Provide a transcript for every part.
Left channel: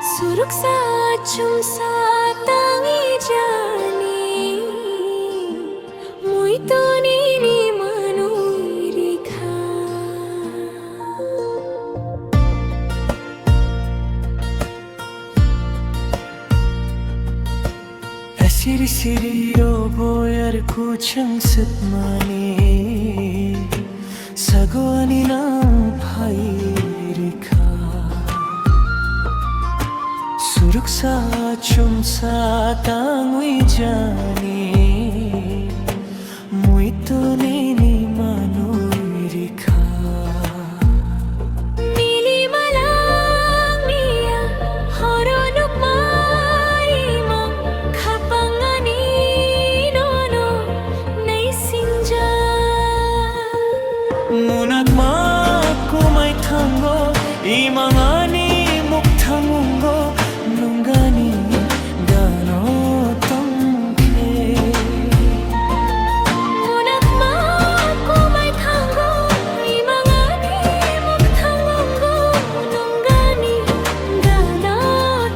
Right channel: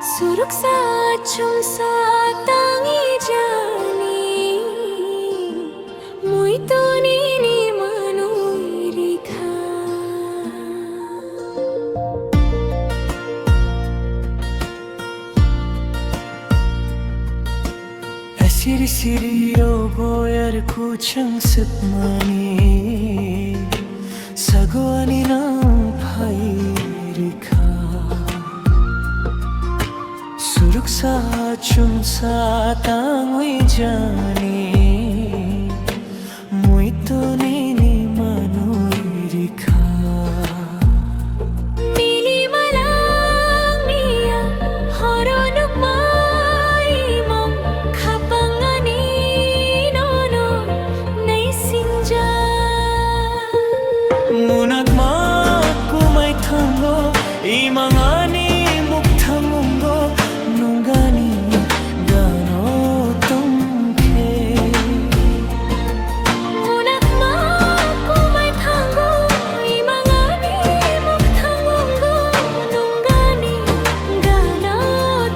Suruksa chumsa tangi jani muito nini manui rekha Siri siri boyar kuchang sipmani sagwani na bhai rekha Suruksa chumsa tangui jani muito nini manui rekha mili malang niya horonuk mai mang khapangani nono nai singja munak ma kumai thango imangani mukthangungo nungani gano tongke munak ma kumai thango imangani mukthangungo nungani gana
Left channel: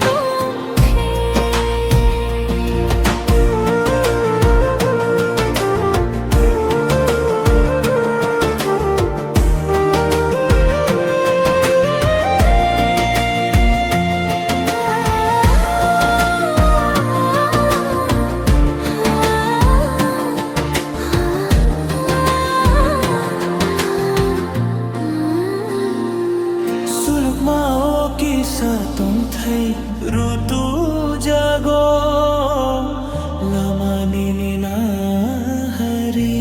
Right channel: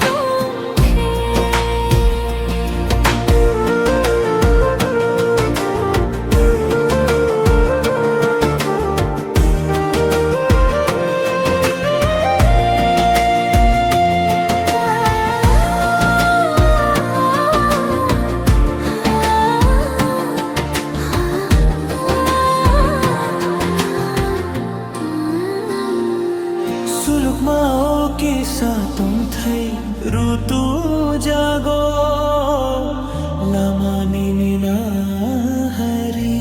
tongke Suluk mao kisa tong thai rutu jago lama nini na hari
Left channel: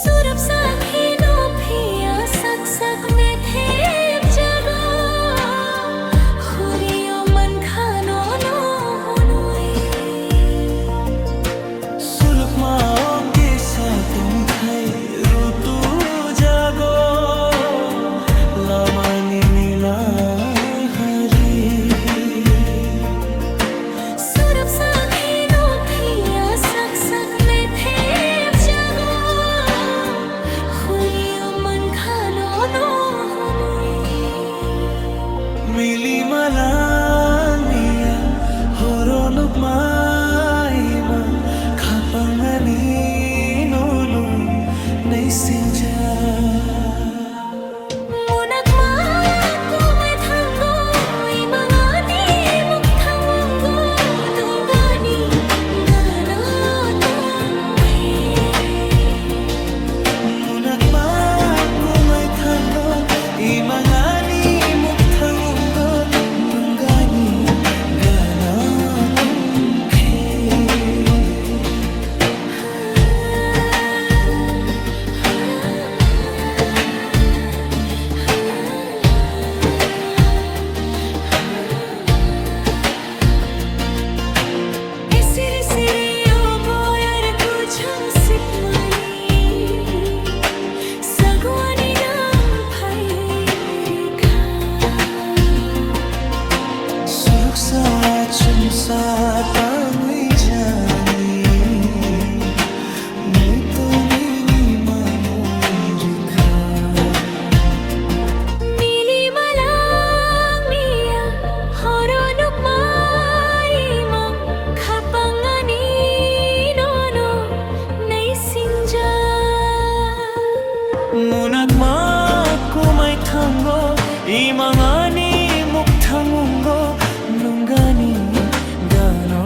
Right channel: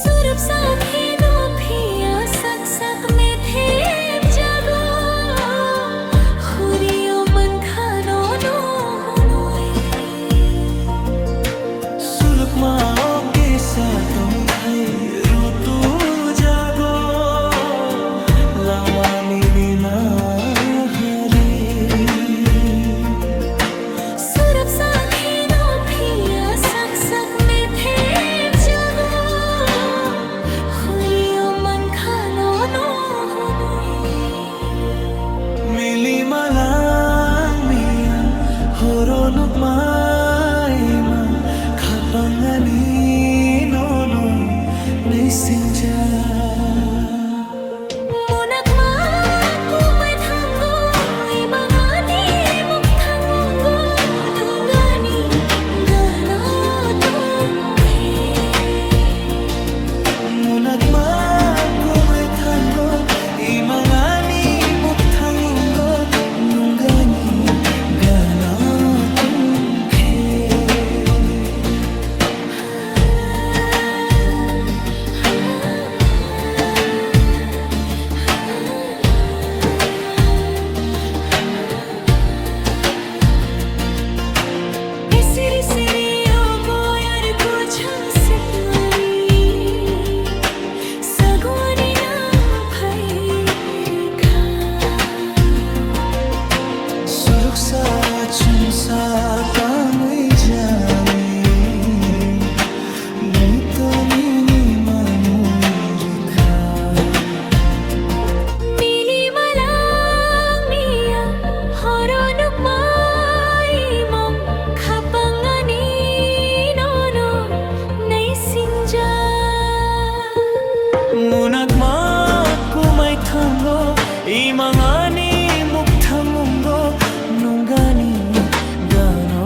Surup sakhi no phiya sak sak me thep jago khuriyo man khano no hunoi Suluk mao kisa tong thai rutu jago lama nini na hari Surup sakhi no phiya sak sak me thep jago khuriyo man khano no hunoi Mili malang miya horonuk maima khapangani nono nai singja munak ma kumai thango imangani mukthangungo nungani gana tongke munak ma kumai thango imangani mukthangungo nungani gana tungke Siri siri boyar kuchang sipmani sagwani na bhai rekha Suruksa chumsa tangui jani muito nini manui rekha mili malang niya horonuk mai mang khapangani nono nai singja munak ma kumai thango imangani mukthangungo nungani gano